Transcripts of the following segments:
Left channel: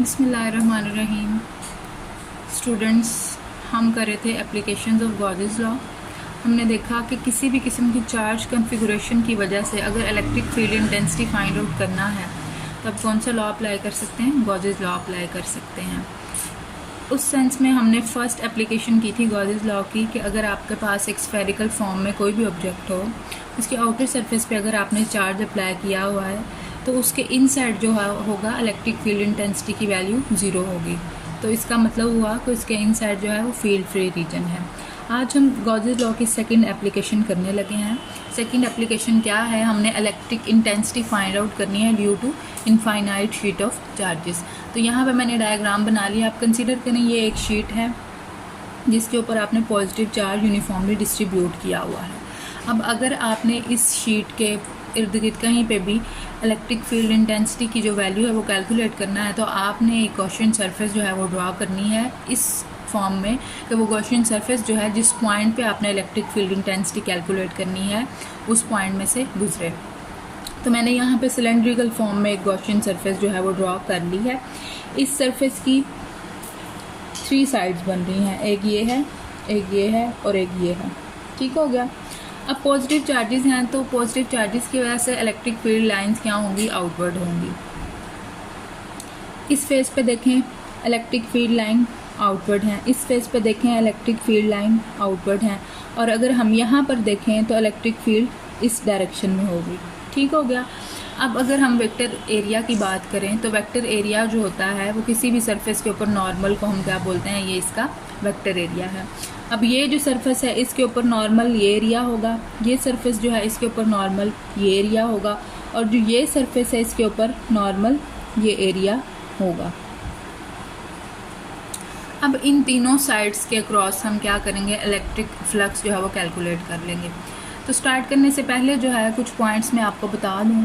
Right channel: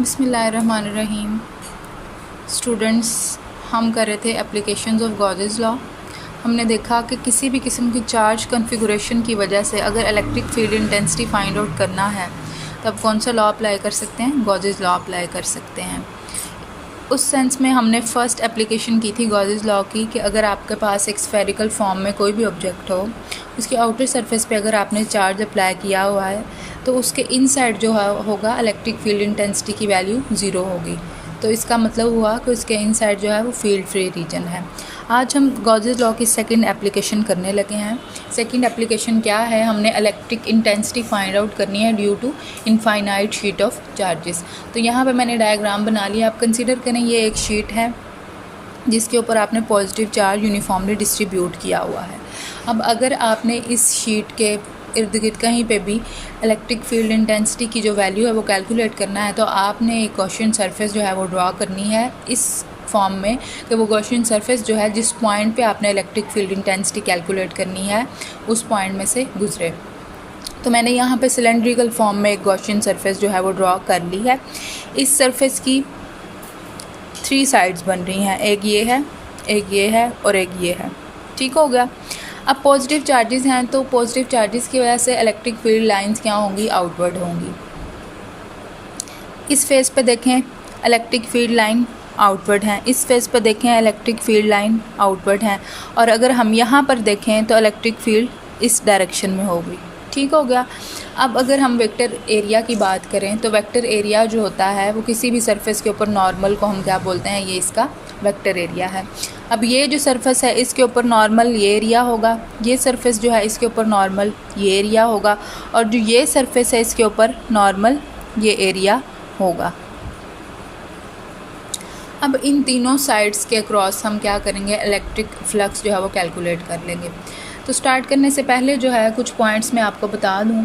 बिस्मिल्लाहिर्रहमानिर्रहीम। स्टूडेंट्स, हम कर रहे थे एप्लीकेशंस ऑफ गॉसेस लॉ। हमने देखा कि किसी भी किस्म की चार्ज कॉन्फ़िगरेशन की वजह से अगर electric field intensity find out करना है तब कौन सा लॉ अप्लाई कर सकते हैं? गॉसेस लॉ अप्लाई कर सकते हैं। उस सेंस में हमने फ़र्स्ट एप्लीकेशन की थी गॉसेस लॉ की कि अगर आपके पास एक स्फेरिकल फॉर्म में कोई भी ऑब्जेक्ट हो, उसके आउटर सरफेस पे अगर आपने चार्ज अप्लाई किया हुआ है तो उसके इनसाइड जो है होगा इलेक्ट्रिक फील्ड इंटेंसिटी की वैल्यू 0 होगी। तो इसका मतलब हुआ कि उसके इनसाइड जो है वो फील्ड फ्री रीजन है। आज हम गॉसेस लॉ की सेकंड एप्लीकेशन करने लगे हैं। सेकंड एप्लीकेशन क्या है? हमने इलेक्ट्रिक इंटेंसिटी फाइंड आउट करनी है due to infinite sheet of charges. तो यहाँ पे मैंने डायग्राम बना लिया। आप कंसीडर करें ये एक शीट है जिसके ऊपर आपने पॉजिटिव चार्ज यूनिफॉर्मली डिस्ट्रीब्यूट किया हुआ है। अब अगर आपने इस शीट के इर्द गिर्द कहीं पे भी इलेक्ट्रिक फील्ड इंटेंसिटी की जो वैल्यू है वो कैलकुलेट करना है तो आपने एक गॉसियन सरफेस जो है वो ड्रॉ करनी है इस फॉर्म में कि वो गॉसियन सरफेस जो है जिस पॉइंट पे आपने इलेक्ट्रिक फील्ड इंटेंसिटी कैलकुलेट करनी है उस पॉइंट में से गुजरे। तो मैंने यहाँ पे सिलेंड्रिकल फॉर्म में एक गॉसियन सरफेस जो है वो ड्रॉ कर ली है। इस सरफेस की 3 साइड्स बन रही हैं, एक ये है, एक ये है और एक ये है। ठीक हो गया। अब पॉजिटिव चार्जेस हैं तो पॉजिटिव चार्जेस की वजह से इलेक्ट्रिक फील्ड लाइंस क्या होंगी? आउटवर्ड होंगी। इस फेस पे देखें इलेक्ट्रिक फील्ड लाइन आउटवर्ड हैं, इस फेस पे देखें इलेक्ट्रिक फील्ड लाइन आउटवर्ड हैं, और अगर हम यहाँ पर देखें तो इलेक्ट्रिक फील्ड इस डायरेक्शन में होगी। ठीक हो गया। अब अगर हम वेक्टर एरिया की बात करें तो वेक्टर एरिया जो होता है वो किसी भी सरफेस के ऊपर नॉर्मल को हम क्या बोलते हैं? ये इसका वेक्टर एरिया है। अब ये जो सरफेस है इसके ऊपर नॉर्मल ये एरिया होगा, ये सरफेस जो है इसके ऊपर नॉर्मल ये एरिया होगा, और जो ये सरफेस है इसके ऊपर नॉर्मल ये एरिया होगा। अब इन तीनों साइड्स के क्रॉस हम क्या करेंगे? इलेक्ट्रिक फ्लक्स जो है वो कैलकुलेट कर लेंगे। तो स्टार्ट करने से पहले जो है कुछ पॉइंट्स मैं आपको बता दूं।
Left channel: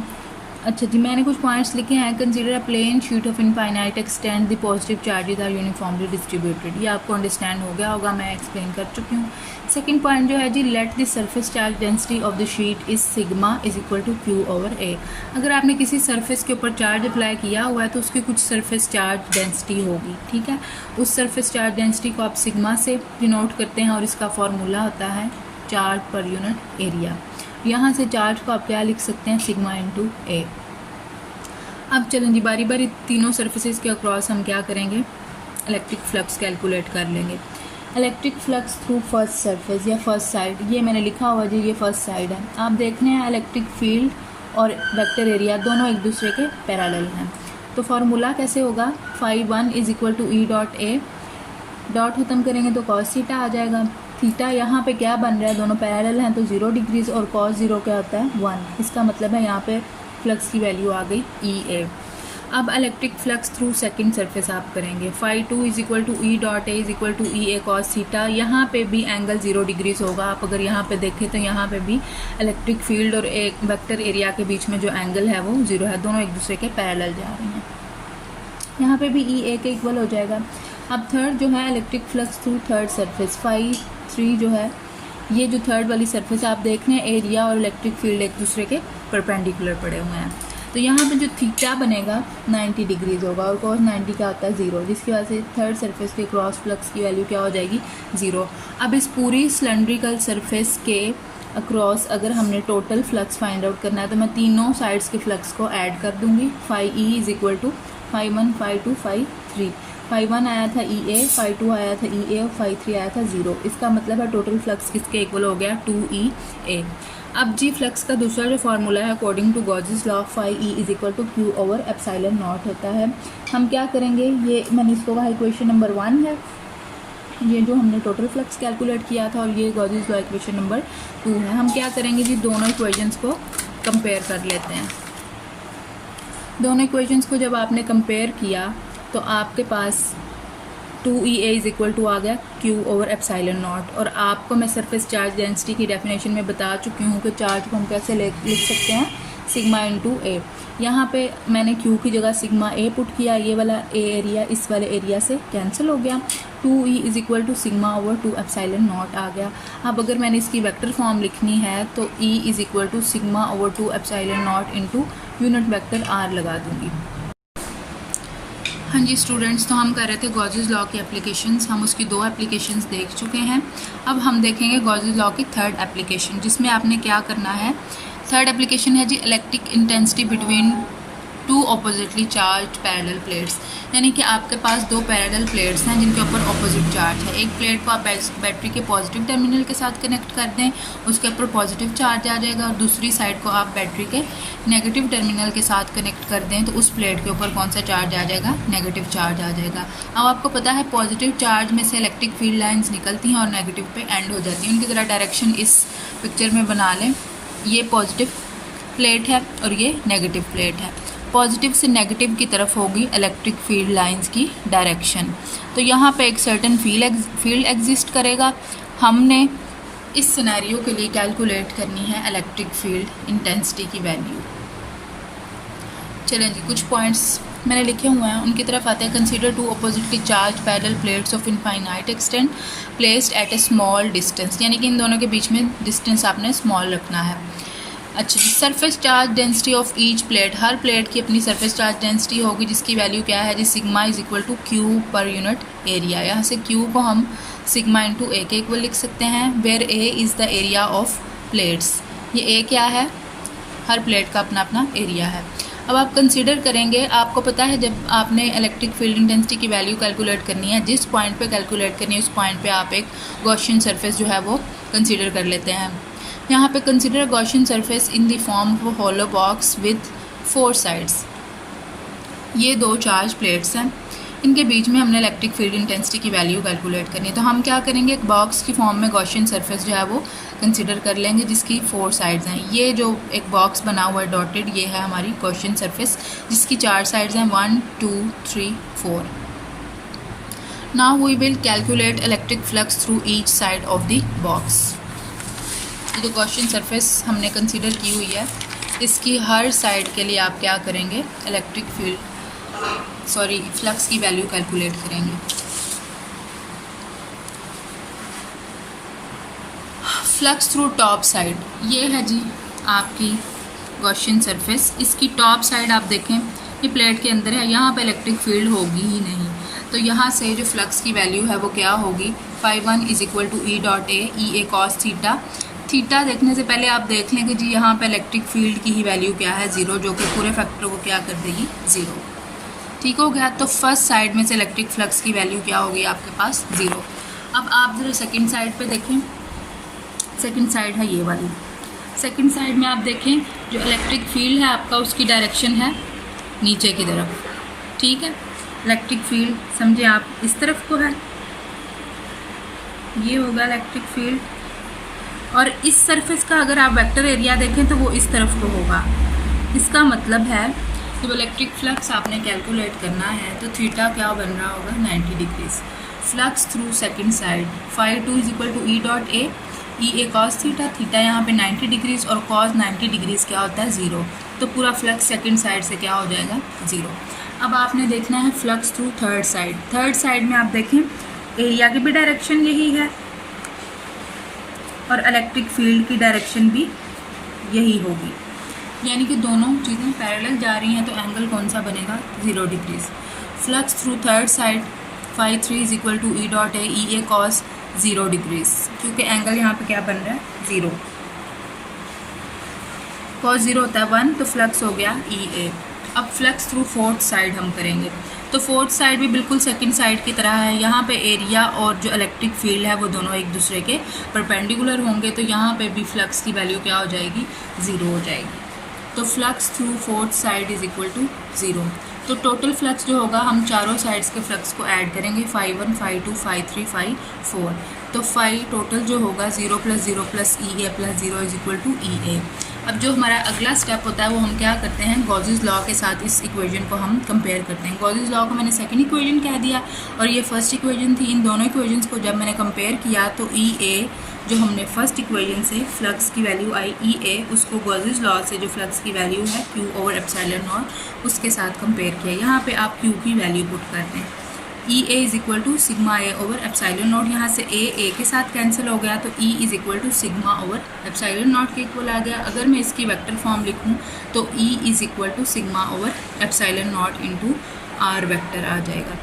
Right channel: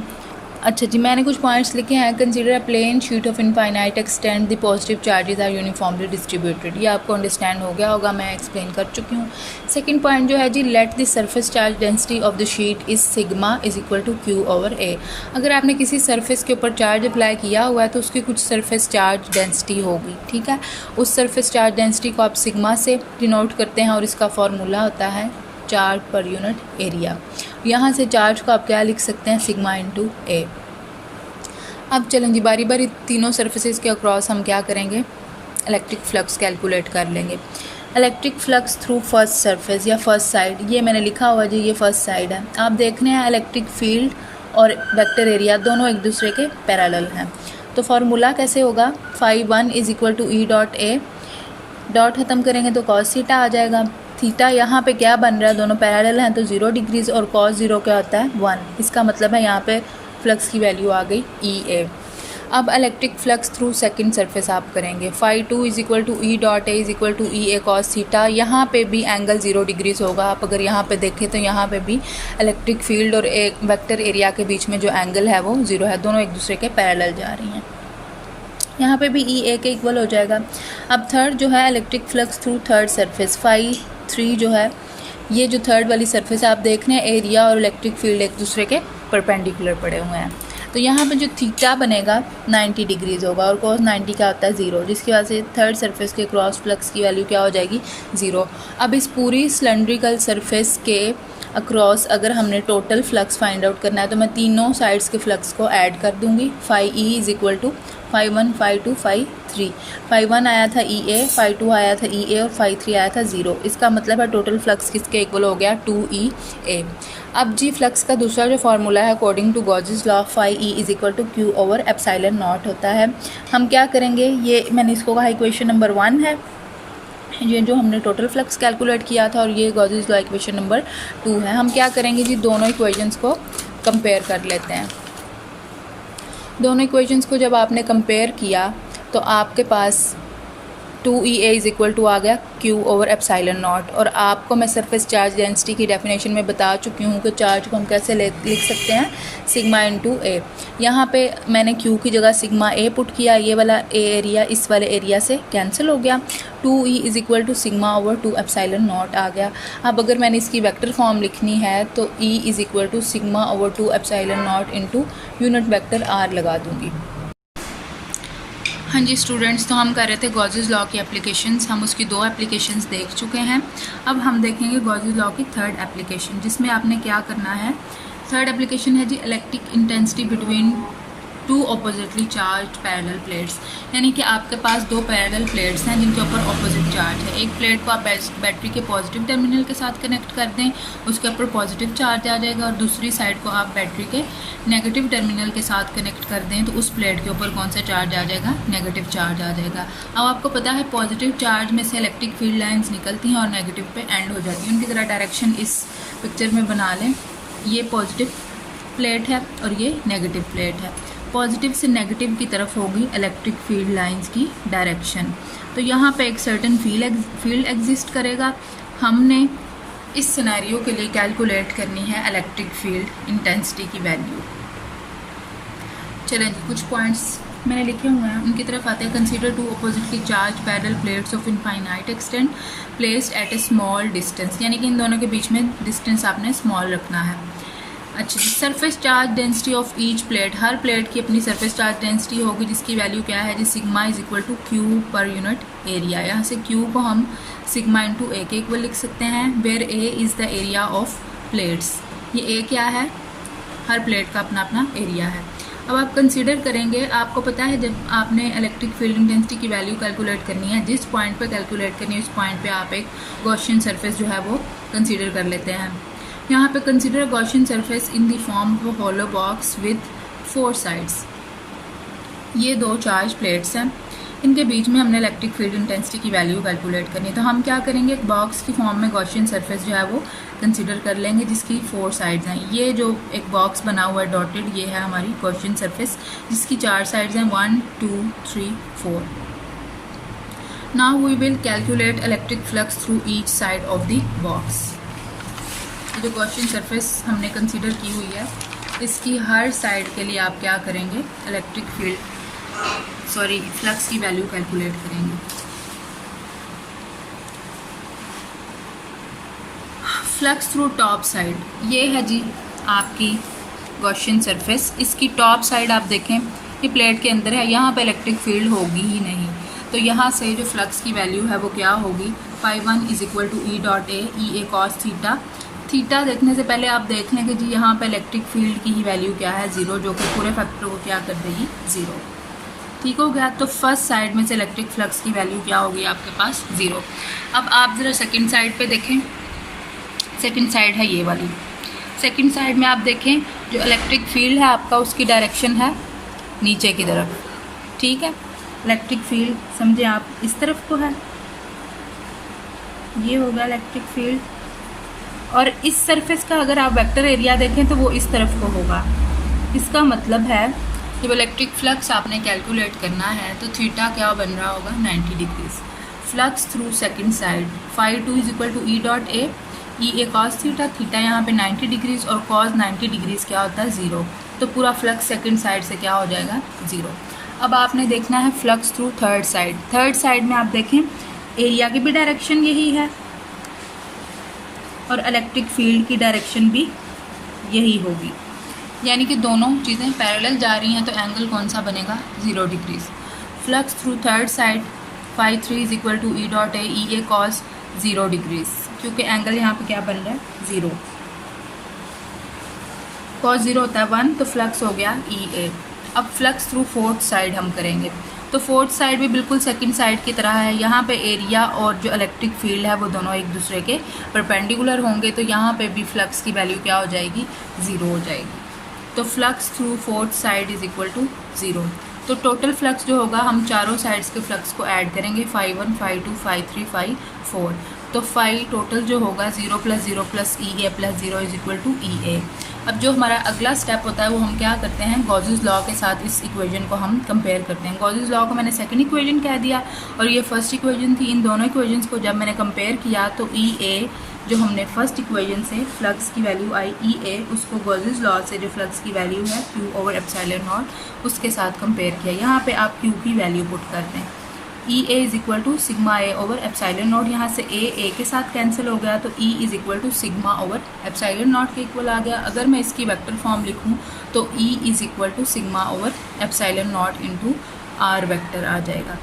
अच्छा जी, मैंने कुछ पॉइंट्स लिखे हैं। Consider a plane sheet of infinite extend the positive charges are uniformly distributed. ये आपको अंडरस्टैंड हो गया होगा, मैं एक्सप्लेन कर चुकी हूँ। सेकंड पॉइंट जो है जी, let the surface charge density of the sheet is sigma is equal to Q over A. अगर आपने किसी सरफेस के ऊपर चार्ज अप्लाई किया हुआ है तो उसकी कुछ सरफेस चार्ज डेंसिटी होगी। ठीक है, उस सरफेस चार्ज डेंसिटी को आप सिग्मा से डिनोट करते हैं और इसका फॉर्मूला होता है चार्ज पर यूनिट एरिया। यहाँ से चार्ज को आप क्या लिख सकते हैं? सिग्मा इंटू ए। अब चलें जी, बारी बारी तीनों सरफेसेस के अक्रॉस हम क्या करेंगे? इलेक्ट्रिक फ्लक्स कैलकुलेट कर लेंगे। Electric flux through first surface या फर्स्ट साइड, ये मैंने लिखा हुआ जी, ये फर्स्ट साइड है। आप देख रहे हैं इलेक्ट्रिक फील्ड और वेक्टर एरिया दोनों एक दूसरे के पैरेलल हैं। तो फार्मूला कैसे होगा? φ1 is equal to E dot A, dot ख़त्म करेंगे तो cos थीटा आ जाएगा। थीटा यहाँ पे क्या बन रहा है? दोनों पैरेलल हैं तो 0 डिग्रीज, और cos 0 क्या होता है? 1। इसका मतलब है यहाँ पे फ्लक्स की वैल्यू आ गई ई ए। अब electric flux through second surface आप करेंगे। φ2 is equal to E dot A is equal to E A cos theta. यहाँ पे भी एंगल 0 डिग्रीज होगा। आप अगर यहाँ पे देखें तो यहाँ पे भी इलेक्ट्रिक फील्ड और एक वेक्टर एरिया के बीच में जो एंगल है वो 0 है, दोनों एक दूसरे के पैरेलल जा रही हैं। यहाँ पे भी ई ए के इक्वल हो जाएगा। अब थर्ड जो है electric flux through third surface, φ3 जो है ये जो थर्ड वाली सरफेस आप देख रहे हैं, एरिया और इलेक्ट्रिक फील्ड एक दूसरे के परपेंडिकुलर पड़े हुए हैं। तो यहाँ पे जो थीटा बनेगा 90 डिग्रीज होगा, और cos 90 क्या होता है? 0, जिसकी वजह से थर्ड सरफेस के क्रॉस फ्लक्स की वैल्यू क्या हो जाएगी? 0। अब इस पूरी सिलेंड्रिकल सरफेस के अक्रॉस अगर हमने टोटल फ्लक्स फाइंड आउट करना है तो मैं तीनों साइड्स के फ्लक्स को ऐड कर दूँगी। φe is equal to φ1 φ2 φ3। φ1 आया था ई ए, φ2 आया था ई ए और φ3 आया था 0। इसका मतलब है टोटल फ्लक्स किसके इक्वल हो गया? 2e a। अब जी फ्लक्स का दूसरा जो फार्मूला है according to Gauss's law, φe is equal to Q over epsilon nought होता है। हम क्या करेंगे? ये मैंने इसको कहा इक्वेशन नंबर 1 है, ये जो हमने टोटल फ्लक्स कैलकुलेट किया था, और ये गॉसेस लॉ इक्वेशन नंबर 2 है। हम क्या करेंगे जी? दोनों इक्वेशंस को कंपेयर कर लेते हैं। दोनों इक्वेशंस को जब आपने कंपेयर किया तो आपके पास 2e a is equal to आ गया q ओवर एप्सिलॉन नॉट। और आपको मैं सरफेस चार्ज डेंसिटी की डेफिनेशन में बता चुकी हूँ कि चार्ज को हम कैसे लिख सकते हैं? सिग्मा इंटू ए। यहाँ पे मैंने q की जगह सिग्मा ए पुट किया, ये वाला ए एरिया इस वाले एरिया से कैंसिल हो गया। 2e is equal to sigma over 2 epsilon naught आ गया। अब अगर मैंने इसकी वेक्टर फॉर्म लिखनी है तो e is equal to sigma over 2 epsilon nought into unit vector r लगा दूँगी। हाँ जी स्टूडेंट्स, तो हम कर रहे थे गॉसेस लॉ की एप्लीकेशंस। हम उसकी 2 एप्लीकेशंस देख चुके हैं। अब हम देखेंगे गॉसेस लॉ की 3rd एप्लीकेशन, जिसमें आपने क्या करना है। 3rd एप्लीकेशन है जी electric intensity between 2 oppositely charged parallel plates. यानी कि आपके पास 2 पैरेलल प्लेट्स हैं जिनके ऊपर ऑपोजिट चार्ज है। एक प्लेट को आप बैटरी के पॉजिटिव टर्मिनल के साथ कनेक्ट कर दें, उसके ऊपर पॉजिटिव चार्ज आ जाएगा, और दूसरी साइड को आप बैटरी के नेगेटिव टर्मिनल के साथ कनेक्ट कर दें तो उस प्लेट के ऊपर कौन सा चार्ज आ जाएगा, नेगेटिव चार्ज आ जाएगा। अब आपको पता है पॉजिटिव चार्ज में से इलेक्ट्रिक फील्ड लाइन्स निकलती हैं और नेगेटिव पे एंड हो जाती हैं। उनकी तरह डायरेक्शन इस पिक्चर में बना लें। ये पॉजिटिव प्लेट है और ये नेगेटिव प्लेट है। पॉजिटिव से नेगेटिव की तरफ होगी इलेक्ट्रिक फील्ड लाइंस की डायरेक्शन। तो यहाँ पे एक सर्टेन फील्ड एग्जिस्ट करेगा। हमने इस सिनेरियो के लिए कैलकुलेट करनी है इलेक्ट्रिक फील्ड इंटेंसिटी की वैल्यू। चलें जी, कुछ पॉइंट्स मैंने लिखे हुए हैं, उनकी तरफ आते हैं। Consider 2 oppositely charged parallel plates of infinite extent placed at A small distance. यानी कि इन दोनों के बीच में डिस्टेंस आपने स्मॉल रखना है। अच्छा जी, surface charge density of each plate. हर प्लेट की अपनी सरफेस चार्ज डेंसिटी होगी जिसकी वैल्यू क्या है जी, sigma is equal to Q पर यूनिट एरिया। यहाँ से क्यू को हम सिग्मा इंटू ए के इक्वल लिख सकते हैं, where A is the area of plates. ये ए क्या है, हर प्लेट का अपना अपना एरिया है। अब आप कंसीडर करेंगे, आपको पता है जब आपने इलेक्ट्रिक फील्ड इंटेंसिटी की वैल्यू कैलकुलेट करनी है, जिस पॉइंट पे कैलकुलेट करनी है उस पॉइंट पे आप एक गॉसियन सरफेस जो है वो कंसीडर कर लेते हैं। यहाँ पे consider Gaussian surface in the form of hollow box with 4 sides. ये 2 चार्ज प्लेट्स हैं, इनके बीच में हमने इलेक्ट्रिक फील्ड इंटेंसिटी की वैल्यू कैलकुलेट करनी है। तो हम क्या करेंगे, एक बॉक्स की फॉर्म में गॉसियन सरफेस जो है वो कंसीडर कर लेंगे जिसकी 4 साइड्स हैं। ये जो एक बॉक्स बना हुआ है डॉटेड, ये है हमारी गॉसियन सरफेस जिसकी 4 साइड्स हैं, 1 2 3 4। Now we will calculate electric flux through each side of the box. ये जो गॉसियन सरफेस हमने कंसीडर की हुई है, इसकी हर साइड के लिए आप क्या करेंगे, इलेक्ट्रिक फील्ड फ्लक्स की वैल्यू कैलकुलेट करेंगे। फ्लक्स थ्रू टॉप साइड, ये है जी आपकी गॉसियन सरफेस। इसकी टॉप साइड आप देखें, ये प्लेट के अंदर है, यहाँ पे इलेक्ट्रिक फील्ड होगी ही नहीं। तो यहाँ से जो फ्लक्स की वैल्यू है वो क्या होगी, φ1 is equal to E dot A cos theta. Theta देखने से पहले आप देख लें कि जी यहाँ पे इलेक्ट्रिक फील्ड की ही वैल्यू क्या है, 0, जो कि पूरे फैक्टर को क्या कर देगी, 0। ठीक हो गया। तो फर्स्ट साइड में से इलेक्ट्रिक फ्लक्स की वैल्यू क्या होगी आपके पास, 0। अब आप ज़रा सेकंड साइड पे देखें, सेकंड साइड है ये वाली। सेकंड साइड में आप देखें जो इलेक्ट्रिक फील्ड है आपका, उसकी डायरेक्शन है नीचे की तरफ। ठीक है, इलेक्ट्रिक फील्ड समझे आप इस तरफ को है, ये होगा इलेक्ट्रिक फील्ड। और इस सरफेस का अगर आप वेक्टर एरिया देखें तो वो इस तरफ को होगा। इसका मतलब है जब इलेक्ट्रिक फ्लक्स आपने कैलकुलेट करना है तो थीटा क्या बन रहा होगा, 90 degrees. Flux through second side, φ2 is equal to E dot A cos theta. Theta यहाँ पे 90 डिग्रीज और कॉस 90 डिग्रीज क्या होता है, 0। तो पूरा फ्लक्स सेकंड साइड से क्या हो जाएगा, 0। अब आपने देखना है flux through third side. Third side में आप देखें एरिया की भी डायरेक्शन यही है और इलेक्ट्रिक फील्ड की डायरेक्शन भी यही होगी, यानी कि दोनों चीज़ें पैरेलल जा रही हैं। तो एंगल कौन सा बनेगा, 0 degrees. Flux through third side, φ3 is equal to E dot A cos 0 degrees, क्योंकि एंगल यहाँ पे क्या बन रहा है, 0। कॉस 0 होता है 1, तो फ्लक्स हो गया EA। अब फ्लक्स थ्रू फोर्थ साइड हम करेंगे, तो फोर्थ साइड भी बिल्कुल सेकंड साइड की तरह है। यहाँ पे एरिया और जो इलेक्ट्रिक फील्ड है वो दोनों एक दूसरे के परपेंडिकुलर होंगे, तो यहाँ पे भी फ्लक्स की वैल्यू क्या हो जाएगी, 0 हो जाएगी। तो flux through fourth side is equal to 0। तो टोटल फ्लक्स जो होगा, हम चारों साइड्स के फ्लक्स को ऐड करेंगे, φ1 φ2 φ3 φ4। तो फाई टोटल जो होगा 0 + 0 + EA + 0 is equal to EA। अब जो हमारा अगला स्टेप होता है वो हम क्या करते हैं, गॉसेस लॉ के साथ इस इक्वेशन को हम कंपेयर करते हैं। गॉसेस लॉ को मैंने सेकंड इक्वेशन कह दिया और ये फर्स्ट इक्वेशन थी। इन दोनों इक्वेशंस को जब मैंने कंपेयर किया तो EA जो हमने फर्स्ट इक्वेशन से फ्लक्स की वैल्यू आई EA, उसको गॉसेस लॉ से जो फ्लक्स की वैल्यू है Q/ε0 उसके साथ कंपेयर किया। यहाँ पे आप Q की वैल्यू पुट करते हैं, EA is equal to sigma A/ε0। यहाँ से A के साथ कैंसिल हो गया तो E इज इक्वल टू सिग्मा/ε0 के इक्वल आ गया। अगर मैं इसकी वेक्टर फॉर्म लिखूँ तो E इज इक्वल टू सिग्मा/ε0 इंटू आर वेक्टर आ जाएगा।